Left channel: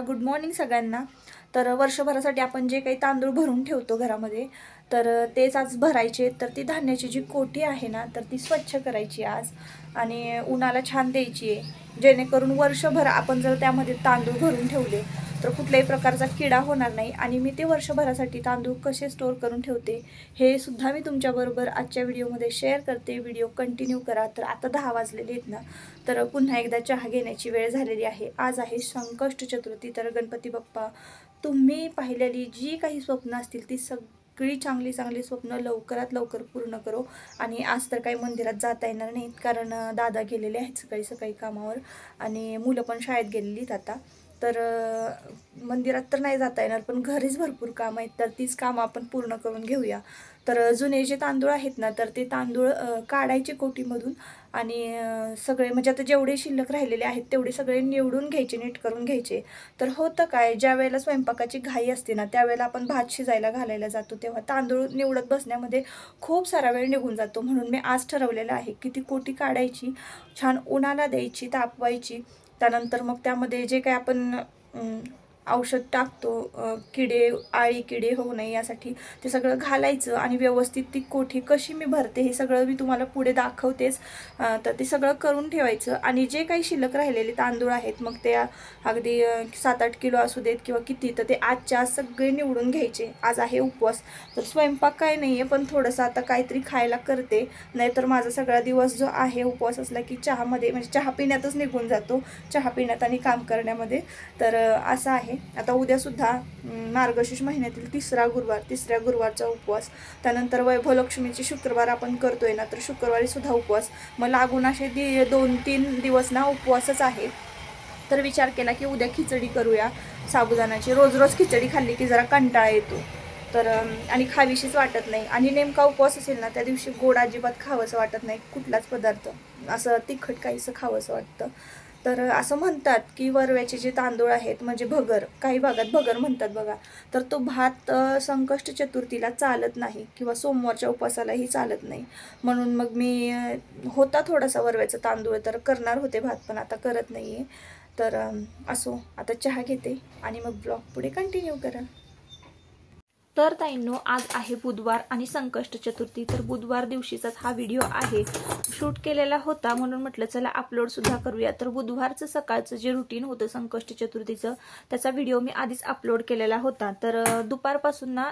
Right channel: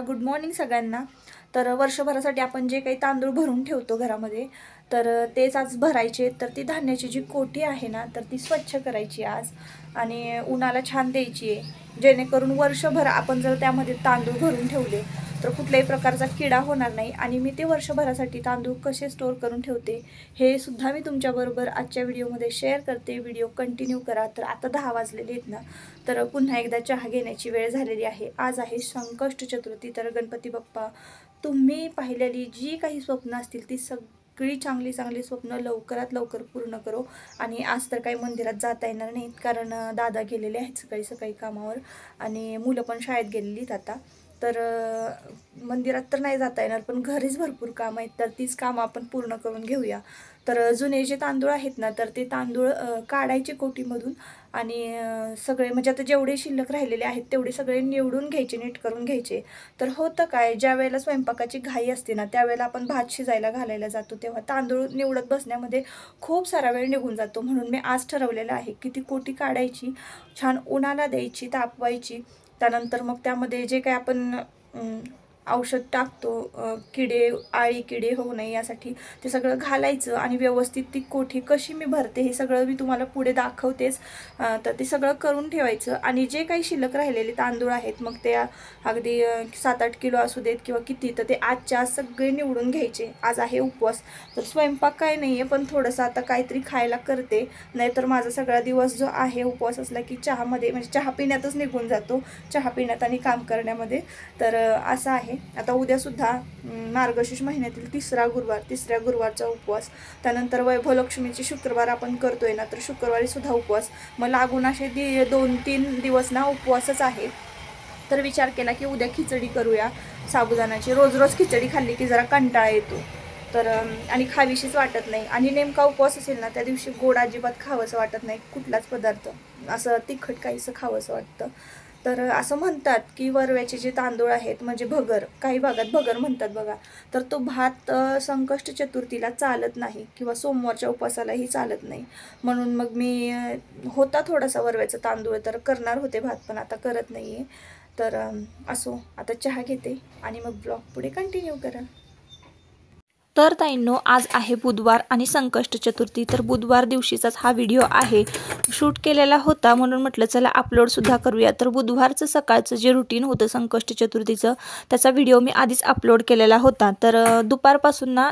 Good morning सगळ्यांना। तर वर्षभरासाठी आपण जे काही तांदूळ भरून ठेवतो घरामध्ये तर तेच आज भरायचे। तर ती धान्याची जी कोठी आहे ना तर ती स्वच्छ करायची आज आणि उन्हाला छान द्यायची आहे, जेणेकरून वर्षभर आपण जर त्यामध्ये तांदूळ भरून ठेवले तर कुठल्याही प्रकारचा किडा होणार नाही। आणि मी ते वर्षभरासाठी तांदूळ कसे स्टोर करून ठेवते हे सुद्धा मी तुमच्याबरोबर आजच्या व्हिडिओमध्ये शेअर करते। व्हिडिओ कंटिन्यू करा। तर आता 10 वाजलेले आहेत ना, तर पुन्हा एकदा चहा घेण्याची वेळ झालेली आहे। आज आहे संकष्ट चतुर्थी। तर गणपती बाप्पा, तुम्ही पाहिलेली जी काही स्वप्न असतील ती सगळी चांगली चांगली स्वप्न लवकरात लवकर पूर्ण करो। आणि आज तर काही मंदिरात जाता येणार नाहीत, कारण दादा गेलेले आहेत सकाळी सकाळी कामावर आणि मुलं पण शाळेत गेलेली आहेत आता। तर मंदिरात तर नाही जाता येणार, पण घरीच भरपूर काम आहेत, तर तीच कामं आपण पूर्ण करून घेऊया। तर जुने जे तांदूळ आहेत ना तर ते तांदूळ काढायचे कोटीमधून आणि सगळे म्हणजे आता जेवढे शिल्लक राहिलेले आहेत तेवढे सगळे निवडून घ्यायचे, नीट करून घ्यायचे। तर होतं काय, ज्या वेळेला स्वयंपाकाची घाई असते ना त्यावेळेला आपण भात शिजायला घालायला जातो तेव्हा तांदूळ निवडत बसण्यामध्ये खूप सारा वेळ निघून जातो। म्हणून मी आज ठरवलेलं आहे की ती कोटी काढायची, छान उन्हाला द्यायची, तापवायची। त्यानंतर मग त्यामध्ये जे काही आपण औषध टाकतो किडे आळी किडे होऊ नये यासाठी ते सगळं घालायचं आणि व्यवस्थित ती कोठी कशी मी भरते हे सगळं मी तुम्हाला पुढे दाखवतेच। तर ते सगळं करून ठेवायचं आणि जे काही शिल्लक राहिलेले तांदूळ आहेत मग ते अगदी 7-8 किलो असू देत किंवा किती, तर ते आजच्या आज सगळे निवडून घ्यायचे। आज आहे उपवास, तर स्वयंपाक काय नाही आहे, पण थोडंसं आता काहीतरी खायला करते, नाहीतर माझा सगळा दिवस जो आहे उपवास असला की चहामध्ये म्हणजे चहा पिण्यातच निघून जातो, चहा पिण्यात आणि काम करण्यामध्ये। तर असं आहे। आता उद्यासुद्धा मार्गशीर्ष महिन्यातील तिसऱ्या गुरुवारचा उपवास, त्यानंतर वैभवलक्ष्मीची शुक्रवार आपण करतोय ना तर शुक्रवारी सुद्धा उपवास। मग लागून असे 2-3 दिवस ना उपवासच आहे। तर विचार केला की उद्या खिचडी करूया साबुदाण्याची। रोज रोज खिचडी खाल्ली की जरा कंटाळा येतो तर आणि खावीशीच वाटत नाही, आणि नेमका उपवास असेल ना त्या दिवशी गोड अजिबात खावंसं वाटत नाही, कुठलाच पदार्थ असं तिखट काहीसं खावंसं वाटतं। तर असं म्हणतात की वरव्याचे जे तांदूळ आहेत म्हणजे भगर, काही भागात भगर म्हणतात बघा, तर तो भात संकष्ट चतुर्थीला चालत नाही किंवा सोमवारच्या उपवासालाही चालत नाही। म्हणून मग मी होता थोडासा वरव्याचा तांदूळ तर करणार होते भात, पण आता करत नाही आहे। तर असो, आता चहा घेते आणि मग ब्लॉग पुढे कंटिन्यू करा। तर ताईंनो, आज आहे बुधवार आणि संकष्ट चतुर्थी। तर बुधवार दिवशीचाच हा व्हिडिओ आहे, शूट केलेला होता म्हणून म्हटलं चला अपलोडसुद्धा करूया। तर बुधवारचं सकाळचं जे रुटीन होतं संकष्ट चतुर्थीचं त्याचा व्हिडिओ मी आधीच अपलोड केलेला होता। तर दुपारपासून ना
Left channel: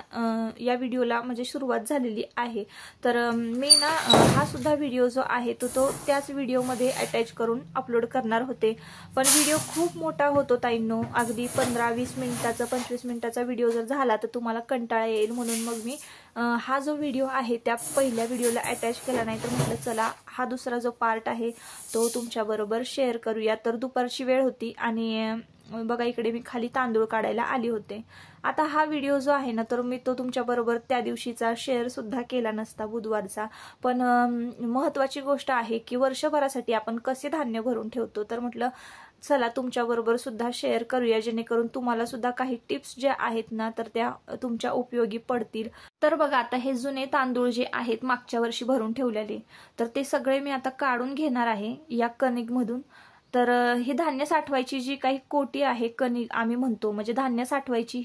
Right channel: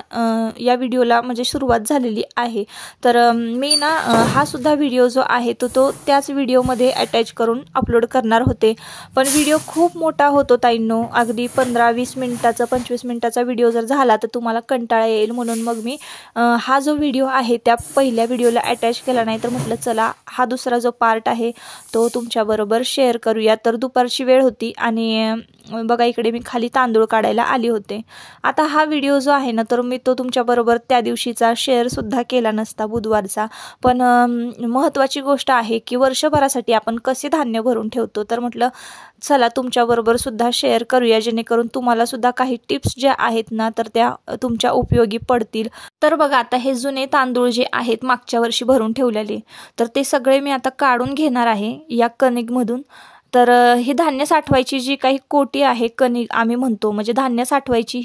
या व्हिडिओला म्हणजे सुरुवात झालेली आहे। तर मी ना हा सुद्धा व्हिडिओ जो आहे तो त्याच व्हिडिओमध्ये अटॅच करून अपलोड करणार होते, पण व्हिडिओ खूप मोठा होतो ताईंनो, अगदी 15-20 मिनिटाचा 25 मिनिटाचा व्हिडिओ जर झाला तर तुम्हाला कंटाळा येईल। म्हणून मग मी हा जो व्हिडिओ आहे त्या पहिल्या व्हिडिओला अटॅच केला नाही, तर म्हटलं चला हा दुसरा जो पार्ट आहे तो तुमच्याबरोबर शेअर करूया। तर दुपारची वेळ होती आणि बघा इकडे मी खाली तांदूळ काढायला आली होते। आता हा व्हिडिओ जो आहे ना तर मी तो तुमच्याबरोबर त्या दिवशीचा शेअरसुद्धा केला नसता बुधवारचा, पण महत्त्वाची गोष्ट आहे की वर्षभरासाठी आपण कसे धान्य भरून ठेवतो, तर म्हटलं चला तुमच्याबरोबर सुद्धा शेअर करूया, जेणेकरून तुम्हाला सुद्धा काही टिप्स ज्या आहेत ना तर त्या तुमच्या उपयोगी पडतील। तर बघा आता हे जुने तांदूळ जे आहेत मागच्या वर्षी भरून ठेवलेले, तर ते सगळे मी आता काढून घेणार आहे या कणिकमधून। तर ही धान्य साठवायची जी काही कोटी आहे, कणिक आम्ही म्हणतो, म्हणजे धान्य साठवायची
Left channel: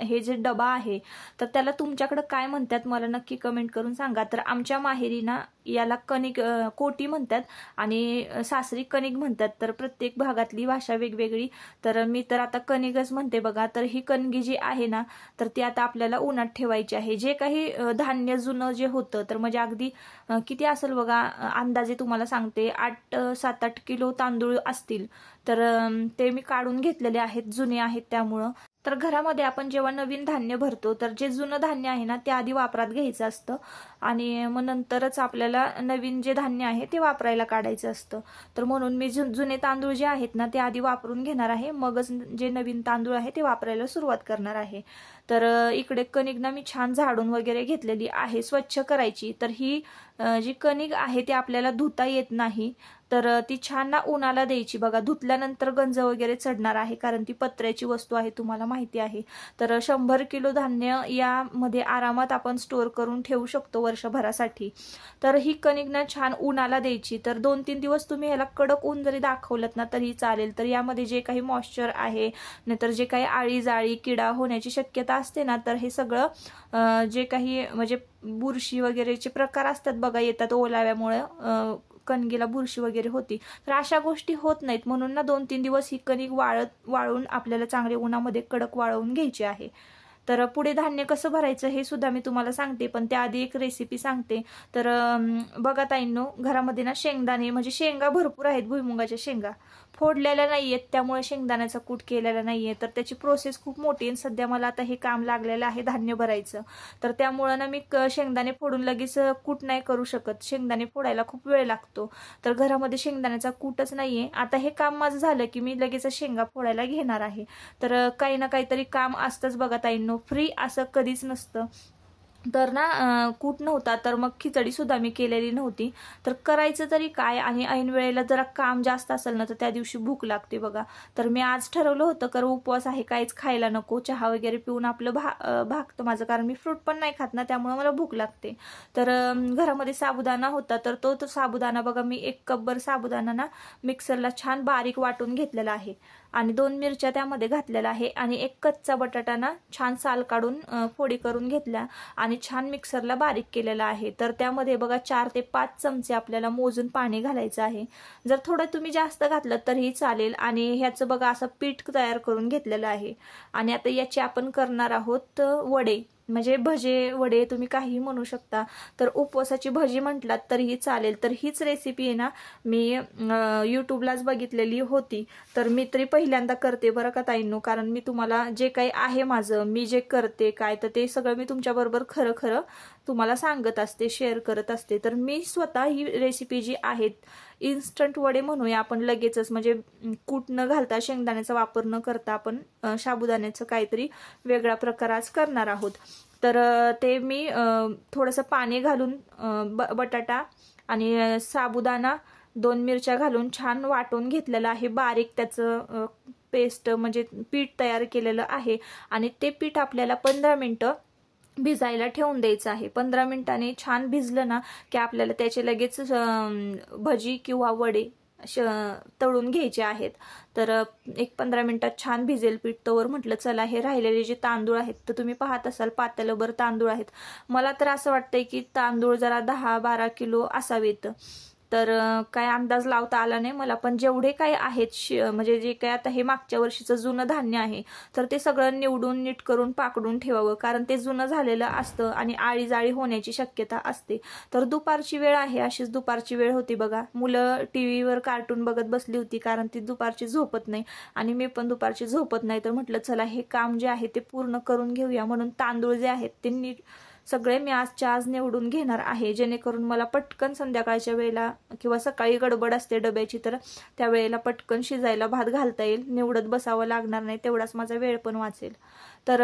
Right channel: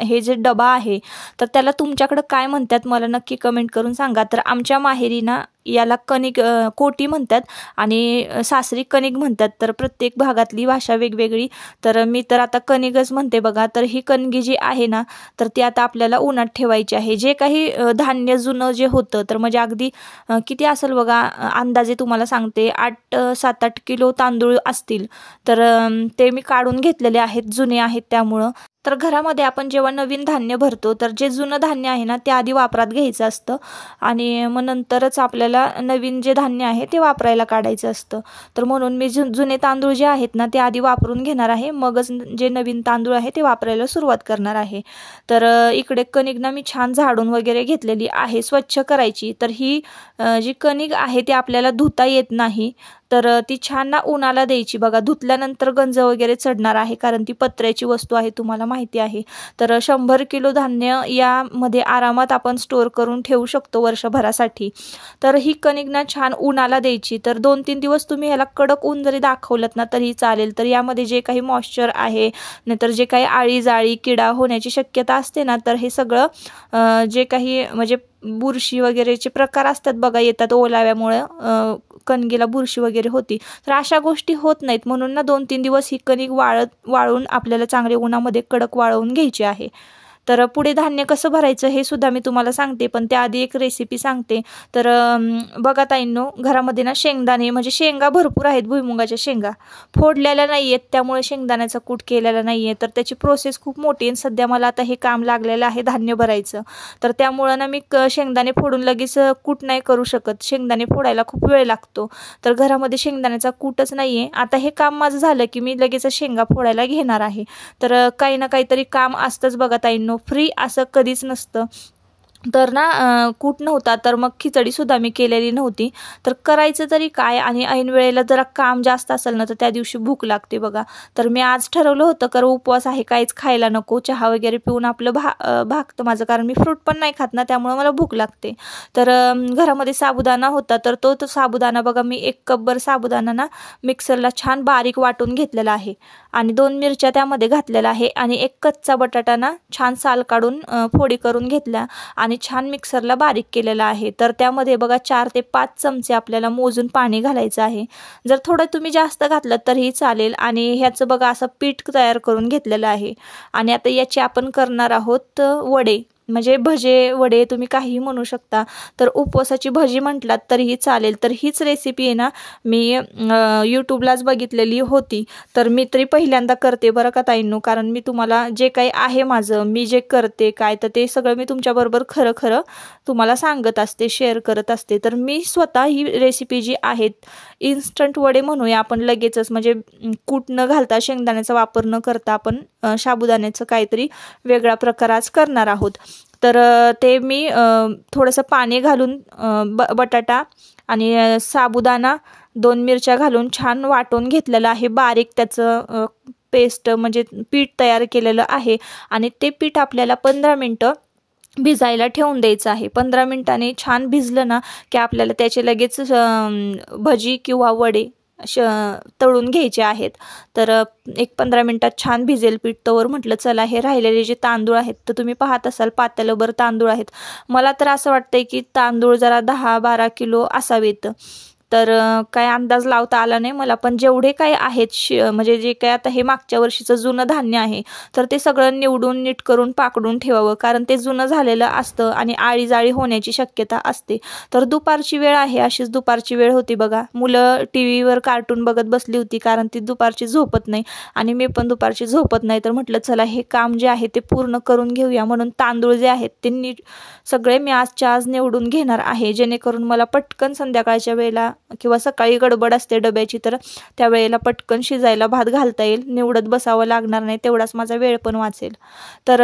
हे जे डबा आहे तर त्याला तुमच्याकडं काय म्हणतात मला नक्की कमेंट करून सांगा। तर आमच्या माहेरी ना याला कणिक कोटी म्हणतात आणि सासरी कणिक म्हणतात, तर प्रत्येक भागातली भाषा वेगवेगळी। तर मी तर आता कणिकच म्हणते बघा। तर ही कणगी जी आहे ना तर ती आता आपल्याला उन्हात ठेवायची आहे। जे काही धान्य जुनं जे होतं तर म्हणजे अगदी किती असेल बघा, अंदाजे तुम्हाला सांगते 7-8 किलो तांदूळ असतील, तर ते मी काढून घेतलेले आहेत, जुने आहेत त्यामुळं। तर घरामध्ये आपण जेव्हा नवीन धान्य भरतो तर जे जुनं धान्य आहे ना ते आधी वापरात घ्यायचं असतं आणि मग नंतरच आपल्याला नवीन जे धान्य आहे ते वापरायला काढायचं असतं। तर म्हणून मी जुने तांदूळ जे आहेत ना ते आधी वापरून घेणार आहे, मगच जे नवीन तांदूळ आहे ते वापरायला सुरुवात करणार आहे। तर इकडे कणिक ना मी छान झाडून वगैरे घेतलेली आहे, स्वच्छ करायची। तर ही जी कणिक आहे ती आपल्याला धुता येत नाही, तर ती छान ना उन्हाला द्यायची बघा. धुतल्यानंतर गंज वगैरे चढणार आहे, कारण ती पत्र्याची वस्तू आहे, तुम्हाला माहिती आहे. तर 100 किलो धान्य यामध्ये आरामात आपण स्टोअर करून ठेवू शकतो वर्षभरासाठी. तर ही कणिक ना छान उन्हाला द्यायची. तर 2-3 दिवस तुम्ही ह्याला कडक ऊन जरी दाखवलं ना तरी चालेल. तर यामध्ये जे काही मॉइश्चर आहे, नाहीतर जे काही आळी जाळी किडा होण्याची शक्यता असते ना, तर हे सगळं जे काही म्हणजे बुरशी वगैरेचे प्रकार असतात बघा, येतात ओलाव्यामुळे कणगीला बुरशी वगैरे होती. तर अशा गोष्टी होत नाहीत, म्हणून ना 2-3 दिवस ही कणिक वाळून आपल्याला चांगले उन्हामध्ये कडक वाळवून घ्यायची आहे. तर पुढे धान्य कसं भरायचं हे सुद्धा मी तुम्हाला सांगते, पण त्याआधी एक रेसिपी सांगते. तर बघा ताईंनो, घरामध्ये ना शेंगदाणे म्हणजे शेंगा भरपूर आहेत, भुईमुगाच्या शेंगा फोडलेल्या नाही आहेत, त्यामुळे शेंगदाण्याचा कूट केलेला नाही आहे. तर त्याची प्रोसेस खूप मोठी आहे. सध्या मला आता हे काम लागलेलं आहे धान्य भरायचं, तर त्यामुळं ना मी शेंगदाणे फोडून लगेच कूट नाही करू शकत. शेंगदाणे फोडायला खूप वेळ लागतो, तर घरामध्ये शेंगदाण्याचा कूटच नाही आहे. आता हे काम माझं झालं की मी लगेच शेंगा फोडायला घेणार आहे. तर काही ना काहीतरी काम असतंच बघा ताईंनो, फ्री असं कधीच नसतं. तर ना कूट नव्हता, तर मग खिचडीसुद्धा मी केलेली नव्हती. तर करायचं तरी काय, आणि ऐन वेळेला जरा काम जास्त असेल ना तर त्या दिवशी भूक लागते बघा. तर मी आज ठरवलं होतं, कारण उपवास आहे, काहीच खायला नको, चहा वगैरे पिऊन आपलं भागतं माझं, कारण मी फ्रूट पण नाही खात ना, त्यामुळे मला भूक लागते. तर घरामध्ये साबुदाणा होता, तर तो साबुदाणा बघा, मी 1 कपभर साबुदाणा ना मिक्सरला छान बारीक वाटून घेतलेला आहे, आणि 2 मिरच्या त्यामध्ये घातलेल्या आहे, आणि 1 कच्चा बटाटा ना छान साल काढून फोडी करून घेतल्या आणि छान मिक्सरला बारीक केलेला आहे. तर त्यामध्ये बघा 4 ते 5 चमचे आपल्याला मोजून पाणी घालायचं आहे. जर थोडं तुम्ही जास्त घातलं तरीही चालेल. आणि ह्याचं बघा असं पीठ तयार करून घेतलेलं आहे. आणि आता याचे आपण करणार आहोत वडे, म्हणजे भजे वडे तुम्ही काहीही म्हणू शकता. तर उपवासाची भजी म्हटलात तरीही चालेल. तर हीच रेसिपी आहे ना मी यूट्यूबलाच बघितलेली होती. तर मी तरी पहिल्यांदा करते बरं का ताईंनो, कारण मी तुम्हाला जे काही आहे माझं, मी जे करते काय, तर ते सगळं मी तुमच्याबरोबर खरं खरं तुम्हाला सांगत असते, शेअर करत असते. तर मी स्वतः ही रेसिपी जी आहेत, इन्स्टंट वडे म्हणूया आपण, लगेचच म्हणजे कूट न घालता, शेंगदाण्याचा वापर न करता आपण साबुदाण्याचं काहीतरी वेगळा प्रकार आज करणार आहोत. तर ते मी थोडंसं पाणी घालून बटाटा आणि साबुदाणा 2 मिरच्या घालून छान वाटून घेतलेलं आहे, बारीक त्याचं पेस्ट म्हणजे पीठ तयार केलेलं आहे. आणि ते पीठ आपल्याला 15 मिनटं भिजायला ठेवून द्यायचं आहे. 15 मिनिटांनी छान भिजलं ना की आपल्याला त्याचे लगेच भजी किंवा वडे तळून घ्यायचे आहेत. तर 15 मिनिटात छान भिजेल पीठ. तवर म्हटलं चला हे राहिलेले जे तांदूळ आहेत, तर तुम्ही पाहत असाल पातेलभर तांदूळ आहेत. मला तर असं वाटतंय की तांदूळ जरा 10-12 किलो असावेत. तर काय अंदाज लावता आला नाही मला, पण जेवढे काय आहेत म्हणजे जे काय आता हे मागच्या वर्षीचं जुनं धान्य आहे, तर ते सगळं निवडून नीट करून पाकडून ठेवावं, कारण ते जुनं झालेलं असतं आणि आळी जाळी होण्याची शक्यता असते. तर दुपारची वेळ आहे, अशीच दुपारची वेळ होती बघा. मुलं टीव्हीवर कार्टून बघत बसली होती, कारण ती दुपारची झोपत नाही आणि मी पण दुपारची झोपत नाही. तर म्हटलं चला हे काम जे आहे ते पूर्ण करून घेऊया, म्हणून तांदूळ जे आहेत ते नीट सगळे मी आजच्या आज निवडून घेणार आहे, जेणेकरून मला पटकन संध्याकाळच्या वेळेला किंवा सकाळी गडबड असते डब्याची, तर त्यावेळेला पटकन शिजायला भात घालता येईल, निवडत बसावं लागणार नाही, तेवढाच माझा वेळ पण वाचेल. तर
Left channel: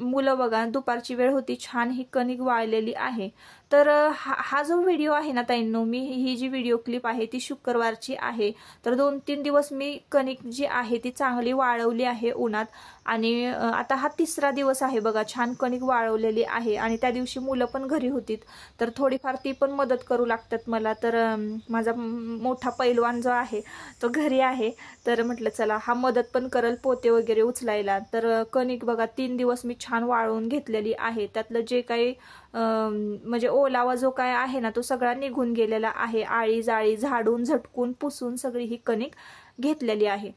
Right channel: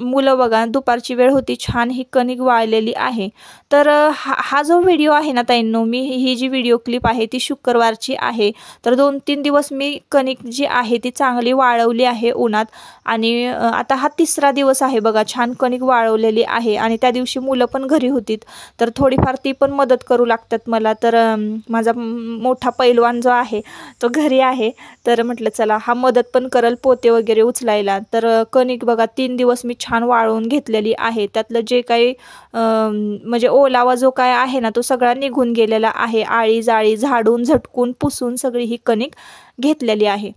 मुलं बघा, दुपारची वेळ होती, छान ही कणिक वाळलेली आहे. तर हा जो व्हिडिओ आहे ना ताईंनो, मी ही जी व्हिडिओ क्लिप आहे ती शुक्रवारची आहे. तर 2-3 दिवस मी कणिक जी आहे ती चांगली वाळवली आहे उन्हात, आणि आता हा 3रा दिवस आहे बघा, छान कणिक वाळवलेली आहे. आणि त्या दिवशी मुलं पण घरी होतीत, तर थोडीफार ती पण मदत करू लागतात मला. तर माझा मोठा पैलवान जो आहे तो घरी आहे, तर म्हटलं चला हा मदत पण करल पोते वगैरे उचलायला. तर कणिक बघा 3 दिवस मी छान वाळवून घेतलेली आहे. त्यातलं जे काही म्हणजे ओलावा जो काय आहे ना तो सगळा निघून गेलेला आहे. आळी जाळी झाडून झटकून पुसून सगळी ही कणिक घेतलेली आहे.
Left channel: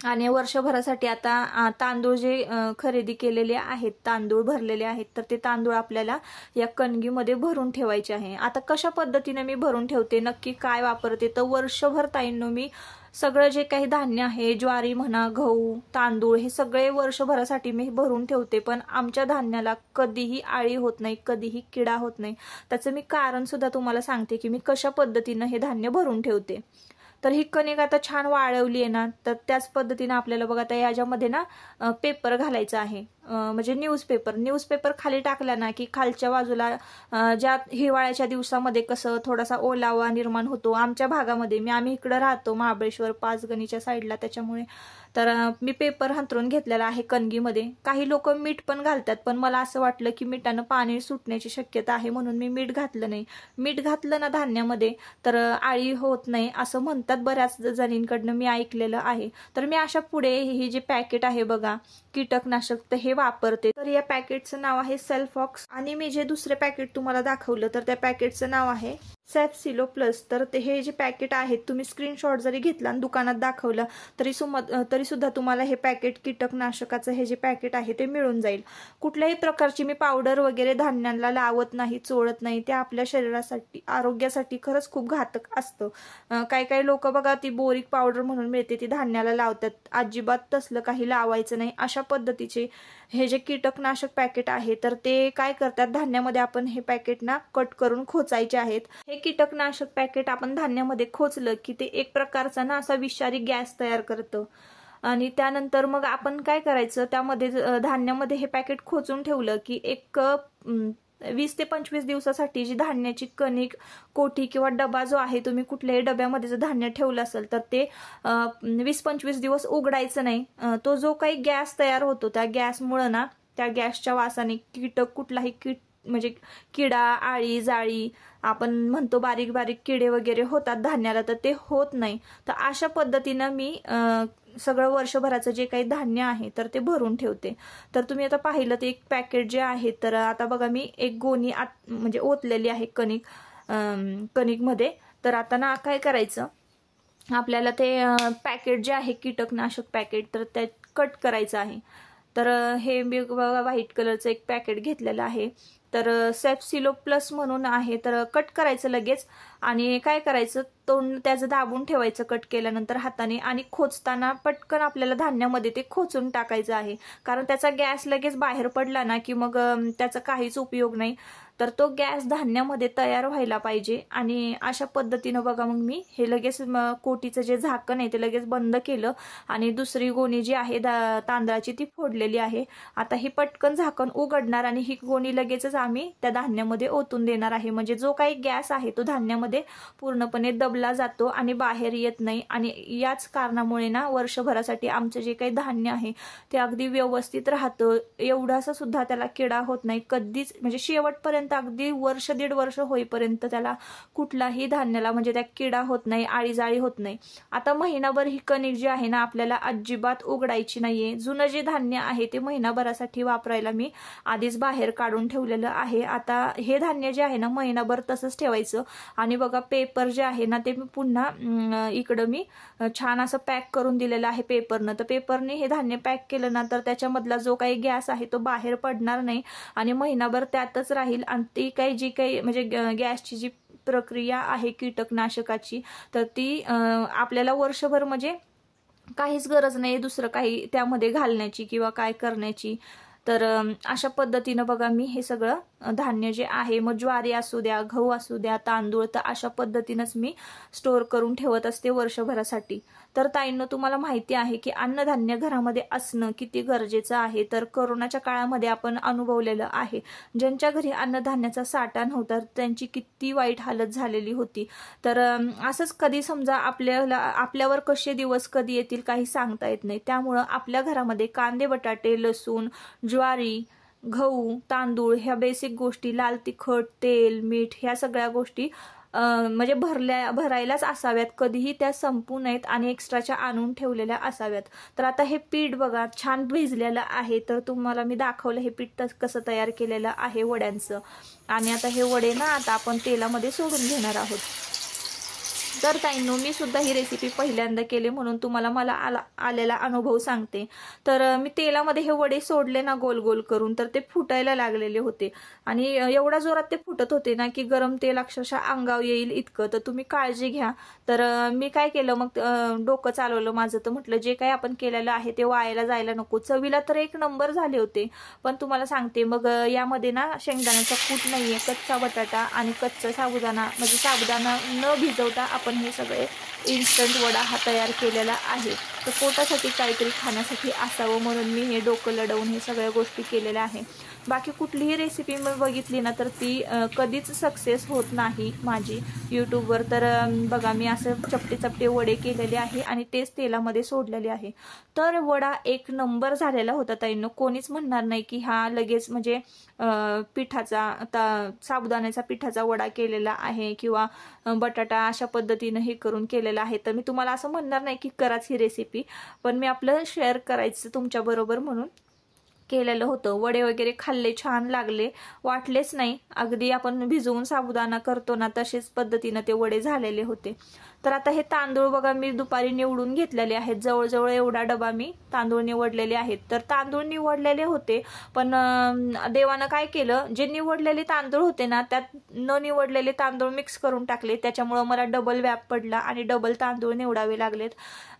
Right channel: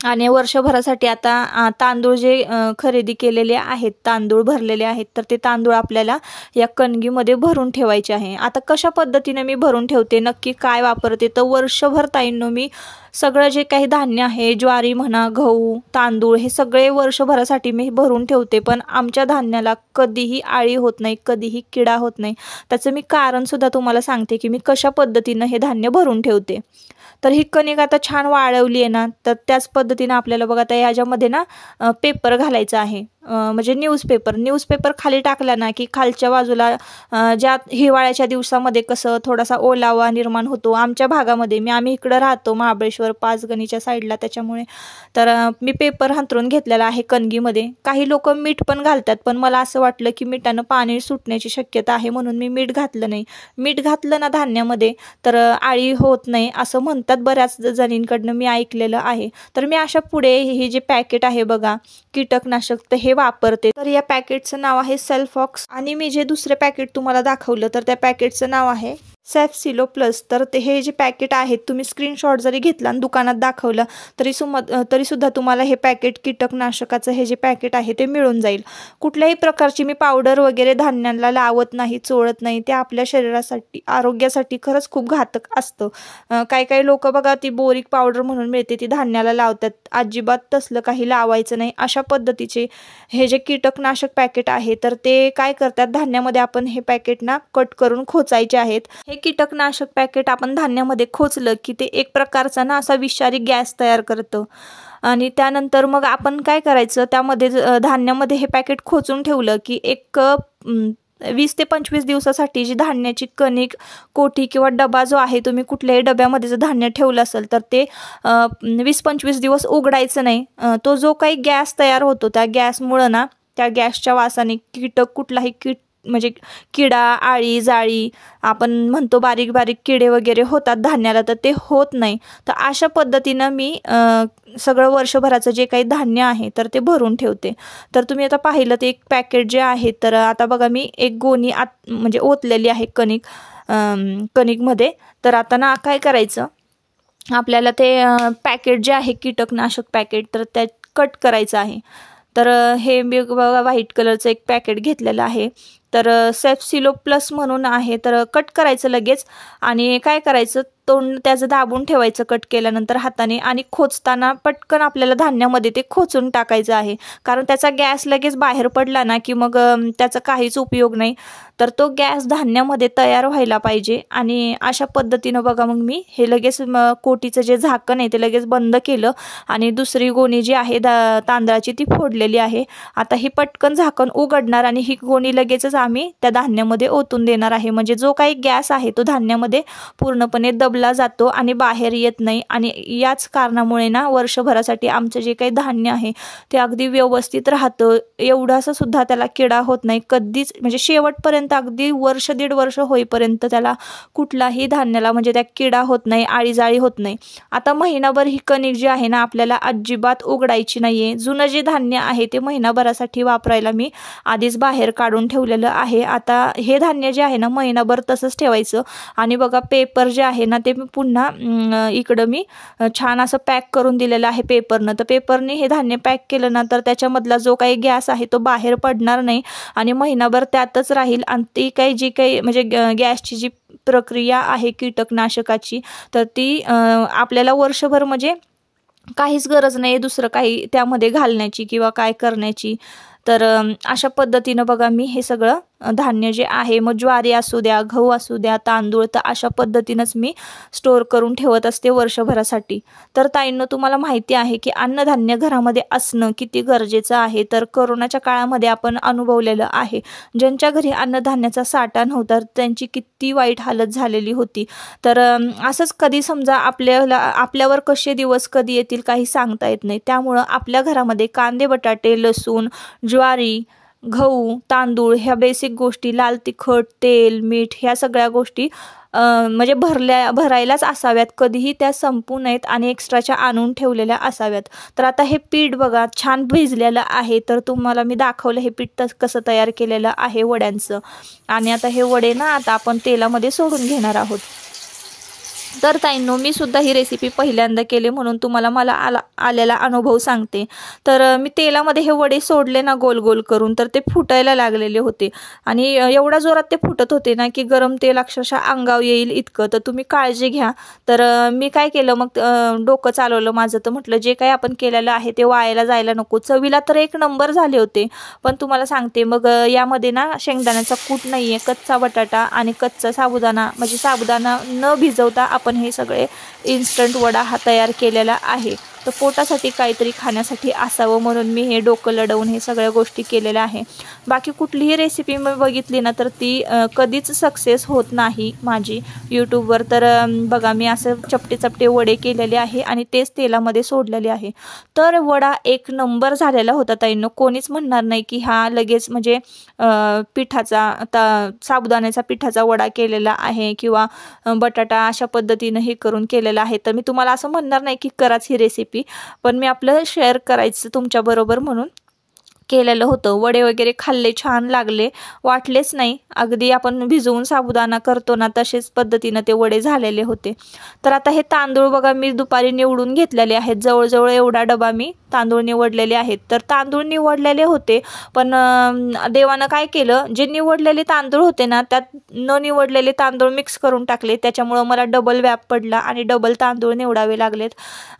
आणि वर्षभरासाठी आता तांदूळ जे खरेदी केलेले आहेत, तांदूळ भरलेले आहेत, तर ते तांदूळ आपल्याला या कणगीमध्ये भरून ठेवायचे आहे. आता कशा पद्धतीने मी भरून ठेवते, नक्की काय वापरते, तर वर्षभर ताईंनो मी सगळं जे काही धान्य आहे, ज्वारी म्हणा, गहू, तांदूळ, हे सगळे वर्षभरासाठी मी भरून ठेवते. पण आमच्या धान्याला कधीही आळी होत नाही, कधीही किडा होत नाही. त्याचं मी कारणसुद्धा तुम्हाला सांगते की मी कशा पद्धतीनं हे धान्य भरून ठेवते. तर ही कणिक आता छान वाळवली आहे ना, तर त्याच पद्धतीनं आपल्याला बघा आता याच्यामध्ये ना पेपर घालायचा आहे. म्हणजे न्यूजपेपर खाली टाकला ना की खालच्या बाजूला ज्या हिवाळ्याच्या दिवसामध्ये कसं थोडासा ओलावा निर्माण होतो आमच्या भागामध्ये, आम्ही इकडं राहतो महाबळेश्वर पाचगणीच्या साईडला, त्याच्यामुळे तर मी पेपर अंथरून घेतलेला आहे कणगीमध्ये. काही लोक मीठ पण घालतात, पण मला असं वाटलं की मिठानं पाणी सुटण्याची शक्यता आहे म्हणून मी मीठ घातलं नाही. मीठ घातलं ना धान्यामध्ये तर आळी होत नाही असं म्हणतात बऱ्याच जणींकडनं मी ऐकलेलं आहे. तर मी अशा पुढे हे जे पॅकेट आहे बघा कीटकनाशक, तर हे वापरते. तर या पॅकेटचं नाव आहे सेल्फॉक्स, आणि मी जे दुसरे पॅकेट तुम्हाला दाखवलं तर त्या पॅकेटचं नाव आहे सॅफसिलो प्लस. तर ते हे जे पॅकेट आहेत तुम्ही स्क्रीनशॉट जरी घेतला आणि दुकानात दाखवलं तरी सुद्धा तुम्हाला हे पॅकेट कीटकनाशकाचं हे जे पॅकेट आहे ते मिळून जाईल. कुठल्याही प्रकारची मी पावडर वगैरे धान्याला लावत नाही, चोळत नाही. ते आपल्या शरीरासाठी आरोग्यासाठी खरंच खूप घातक असतं. काही लोक बघा ती बोरिक पावडर म्हणून मिळते ती धान्याला लावतात. अजिबात तसलं काही लावायचं नाही. अशा पद्धतीचे हे जे कीटकनाशक पॅकेट आहे तर ते काय करतात, धान्यामध्ये आपण हे पॅकेट ना कट करून खोचायचे आहेत. हे कीटकनाशक पॅकेट आपण धान्यामध्ये खोचलं की ते एक प्रकारचा ना असा विषारी गॅस तयार करतं. आणि त्यानंतर मग आपण काय करायचं, त्यामध्ये धान्यामध्ये हे पॅकेट खोचून ठेवलं की एक 20 ते 25 दिवसासाठी जी धान्याची कणिक, कोठी किंवा डबा जो आहे, तुम्ही कुठल्याही डब्यामध्ये जर धान्य ठेवलं असेल तर ते 20-25 दिवस उघडायचं नाही. तो जो काही गॅस तयार होतो त्या गॅसमुळं ना, त्या गॅसच्या वासाने कुठलाही म्हणजे किडा, आळी, जाळी, आपण म्हणतो बारीक बारीक किडे वगैरे होतात धान्याला, तर ते होत नाही. तर अशा पद्धतीनं मी सगळं वर्षभराचं जे काही धान्य आहे तर ते भरून ठेवते. तर तुम्ही आता पाहिलं ते एक पॅकेट जे आहे, तर आता बघा मी एक गोणी म्हणजे ओतलेली आहे कणिकमध्ये. तर आता ना काय करायचं, आपल्याला ते पॅकेट जे आहे कीटकनाशक पॅकेट तर त्या कट करायचं आहे. तर हे मी बघा व्हाईट कलरचं एक पॅकेट घेतलेलं आहे. तर सॅफसिलो प्लस म्हणून आहे. तर कट करायचं लगेच, आणि काय करायचं, तोंड त्याचं दाबून ठेवायचं कट केल्यानंतर हाताने, आणि खोचताना पटकन आपल्याला धान्यामध्ये ते खोचून टाकायचं आहे. कारण त्याचा गॅस लगेच बाहेर पडला ना की मग त्याचा काहीच उपयोग नाही. तर तो गॅस धान्यामध्ये तयार व्हायला पाहिजे. आणि अशा पद्धतीनं बघा मग मी हे लगेच कोटीचं जे झाकण आहे ते लगेच बंद केलं, आणि दुसरी गोणी जी आहे तांदळाची ती फोडलेली आहे. आता ही पटकन झाकण उघडणार आणि ही गोणी लगेचच आम्ही त्या धान्यामध्ये ओतून देणार आहे. म्हणजे जो काही गॅस आहे तो धान्यामध्ये पूर्णपणे दबला जातो आणि बाहेर येत नाही. आणि याच कारणामुळे ना वर्षभरासाठी आमचं जे काही धान्य आहे ते अगदी व्यवस्थित राहतं. एवढासा सुद्धा त्याला किडा होत नाही कधीच, म्हणजे शेवटपर्यंत अगदी वर्ष 1.5 वर्ष होईपर्यंत त्याला कुठलाही धान्याला म्हणजे त्या किडा होत नाही, आळीजाळी होत नाही. आता महिनाभर ही कणिक जी आहे ना आपल्याला अजिबात उघडायची नाहीये. जुनं जे धान्य आहे ते महिनाभरासाठी वापरायला मी आधीच बाहेर काढून ठेवलेलं आहे. आता हे धान्य जे आहे ना महिनाभर तसंच ठेवायचं. आणि बघा पेपर जे आहे ना ते मी पुन्हा इकडं मी छान असं पॅक करून दिलेलं आहे पेपरनं. तर पेपरने हे धान्य पॅक केलं ना तर त्याच्यामधला जो काही गॅस आहे तो बाहेर पडणार नाही आणि महिनाभर त्यातच राहील. आणि ती काही जी काही म्हणजे गॅसची जी प्रक्रिया आहे कीटकनाशकाची तर ती आपल्याला वर्षभर म्हणजे काहीच गरज नाही दुसरं काही त्यामध्ये घालण्याची किंवा काय करण्याची. तर अशा पद्धतीनं बघा मी हे सगळं धान्य जे आहे, मग ज्वारी असू द्या, गहू असू द्या, तांदूळ, तर अशा पद्धतीनंच मी स्टोअर करून ठेवत असते वर्षभरासाठी. तर ताईंनो, तुम्हाला माहिती आहे की अन्नधान्य घरामध्ये असणं किती गरजेचं आहे. तर कोरोनाच्या काळामध्ये आपण अनुभवलेलं आहे, ज्यांच्या घरी अन्नधान्याचा साठा नव्हता त्यांची किती वाईट हालत झालेली होती. तर असंच कधी समजा आपल्यावर कसे दिवस कधी येतील काही सांगता येत नाही. त्यामुळं आपल्या घरामध्ये कांदे, बटाटे, लसूण, ज्वारी, गहू, तांदूळ ह्या बेसिक गोष्टी, लाल तिखट, तेल, मीठ ह्या सगळ्या गोष्टी म्हणजे भरायलाच असाव्यात. कधीही त्या संपू नयेत आणि एक्स्ट्राच्या आणून ठेवलेल्या असाव्यात. तर आता हे पीठ बघा छान भिजलेलं आहे. तर तुम्हाला मी दाखवलं हे पीठ कसं तयार केलेलं आहे वड्यांचं. आणि आता हे वडे ना आता आपण तेलामध्ये सोडून घेणार आहोत. तर ताईंनो, मी सुद्धा ही रेसिपी पहिल्यांदा केली म्हणून तुम्हाला आलेला अनुभव सांगते. तर मी तेलामध्ये हे वडे सोडले ना गोल गोल करून, तर ते फुटायला लागलेले होते आणि एवढा जोरात ते फुटत होते ना की गरम तेल अक्षरशः अंगावर येईल इतकं. तर तुम्ही काळजी घ्या. तर मी काय केलं मग डोकं चालवलं माझं. तर म्हटलं जे काही आपण केलेलं आहे ते वायाला जायला नको. चवीला तर एक नंबर झाले होते, पण तुम्हाला सांगते मग यामध्ये ना शेंगदाण्याचा कूट नाही आहे, कच्चा बटाटा आणि कच्चा साबुदाणा, म्हणजे साबुदाणा न भिजवता आपण हे सगळे इन्स्टंट वडा हा तयार केलेला आहे. तर पोटासाठी काहीतरी खाण्यासाठी असावं म्हणून मी हे डोकं लढवून हे सगळ्या गोष्टी केलेल्या आहे. बाकी कुठलीही रेसिपी मी बघितली ना तर ती कधीच सक्सेस होत नाही माझी यूट्यूबवर. तर बघा मी असं चपटे वडे केलेले आहे आणि तेच तेलामध्ये सोडलेले आहे. तर वडा एक नंबर झालेला होता ताईंनो. कोणीच म्हणणार नाही की हा लगेच म्हणजे साबुदाण्याचा पिठाचा वडा केलेला आहे किंवा बटाटा अशा पद्धतीनं हे करून केलेला आहे. तर मी तुम्हाला असं म्हणणार नाही की कराच ही रेसिपी, पण मी आपलं शेअर करायचं तुमच्याबरोबर म्हणून केलेलं होतं. वडे वगैरे खाल्ले, छान लागले, वाटलेच नाही. अगदी आपण भिजवून साबुदाणा करतो ना तसेच पद्धतीनं ते वडे झालेले होते. तर आता हे तांदूळ बघा मी दुपारी निवडून घेतलेले आहेत. जवळजवळ एवढा डबा मी तांदूळ निवडलेले आहेत. तर तांदूळ निवडलेले होते, पण देवानं काय केलं, जे निवडलेले तांदूळ होते ना त्यात न निवडलेले तांदूळ मिक्स करून टाकले. त्याच्यामुळं मला डबल व्याप पडला आणि डबल तांदूळ निवडावे लागलेत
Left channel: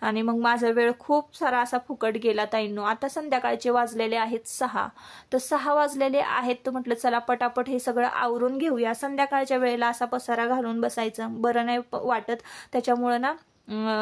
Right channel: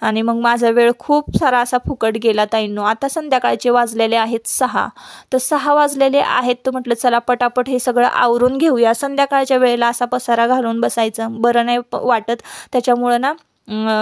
आणि मग माझा वेळ खूप सारा असा फुकट गेला ताईंनो. आता संध्याकाळचे वाजलेले आहेत 6. तर 6 वाजलेले आहेत तर म्हटलं चला पटापट हे सगळं आवरून घेऊया. संध्याकाळच्या वेळेला असा पसारा घालून बसायचं बरं नाही वाटत. त्याच्यामुळं ना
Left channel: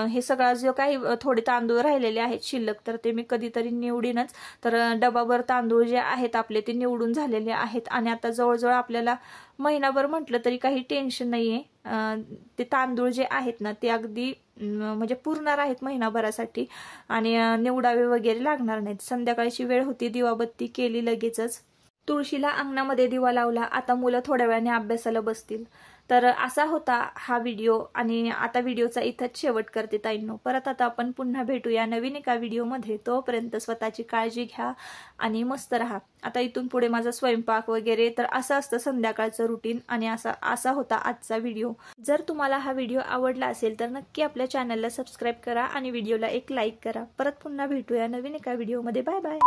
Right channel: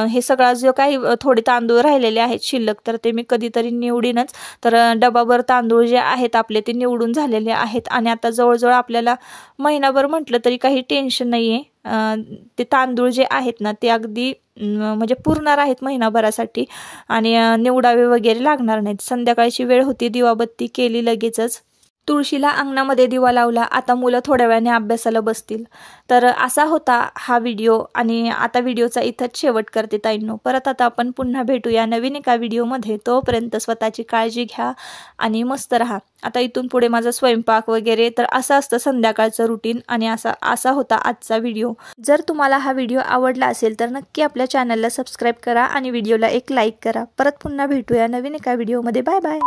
हे सगळं जो काही थोडे तांदूळ राहिलेले आहेत शिल्लक तर ते मी कधीतरी निवडीनच. तर डबाभर तांदूळ जे आहेत आपले ते निवडून झालेले आहेत आणि आता जवळजवळ आपल्याला महिनाभर म्हटलं तरी काही टेन्शन नाही आहे. ते तांदूळ जे आहेत ना ते अगदी म्हणजे पुरणार आहेत महिनाभरासाठी आणि निवडावे वगैरे लागणार नाहीत. संध्याकाळची वेळ होती, दिवाबत्ती केली लगेचच, तुळशीला अंगणामध्ये दिवा लावला. आता मुलं थोड्या वेळाने अभ्यासाला बसतील. तर असा होता हा व्हिडिओ आणि आता व्हिडिओचा इथंच शेवट करते ताईंनो. परत आता आपण पुन्हा भेटूया नवीन एका व्हिडिओमध्ये. तोपर्यंत स्वतःची काळजी घ्या आणि मस्त राहा. आता इथून पुढे माझा स्वयंपाक वगैरे तर असं असतं संध्याकाळचं रुटीन आणि असा होता आजचा व्हिडिओ. जर तुम्हाला हा व्हिडिओ आवडला असेल तर नक्की आपल्या चॅनलला सबस्क्राईब करा आणि व्हिडिओला एक लाईक करा. परत पुन्हा भेटूया नवीन एका व्हिडिओमध्ये. Bye bye.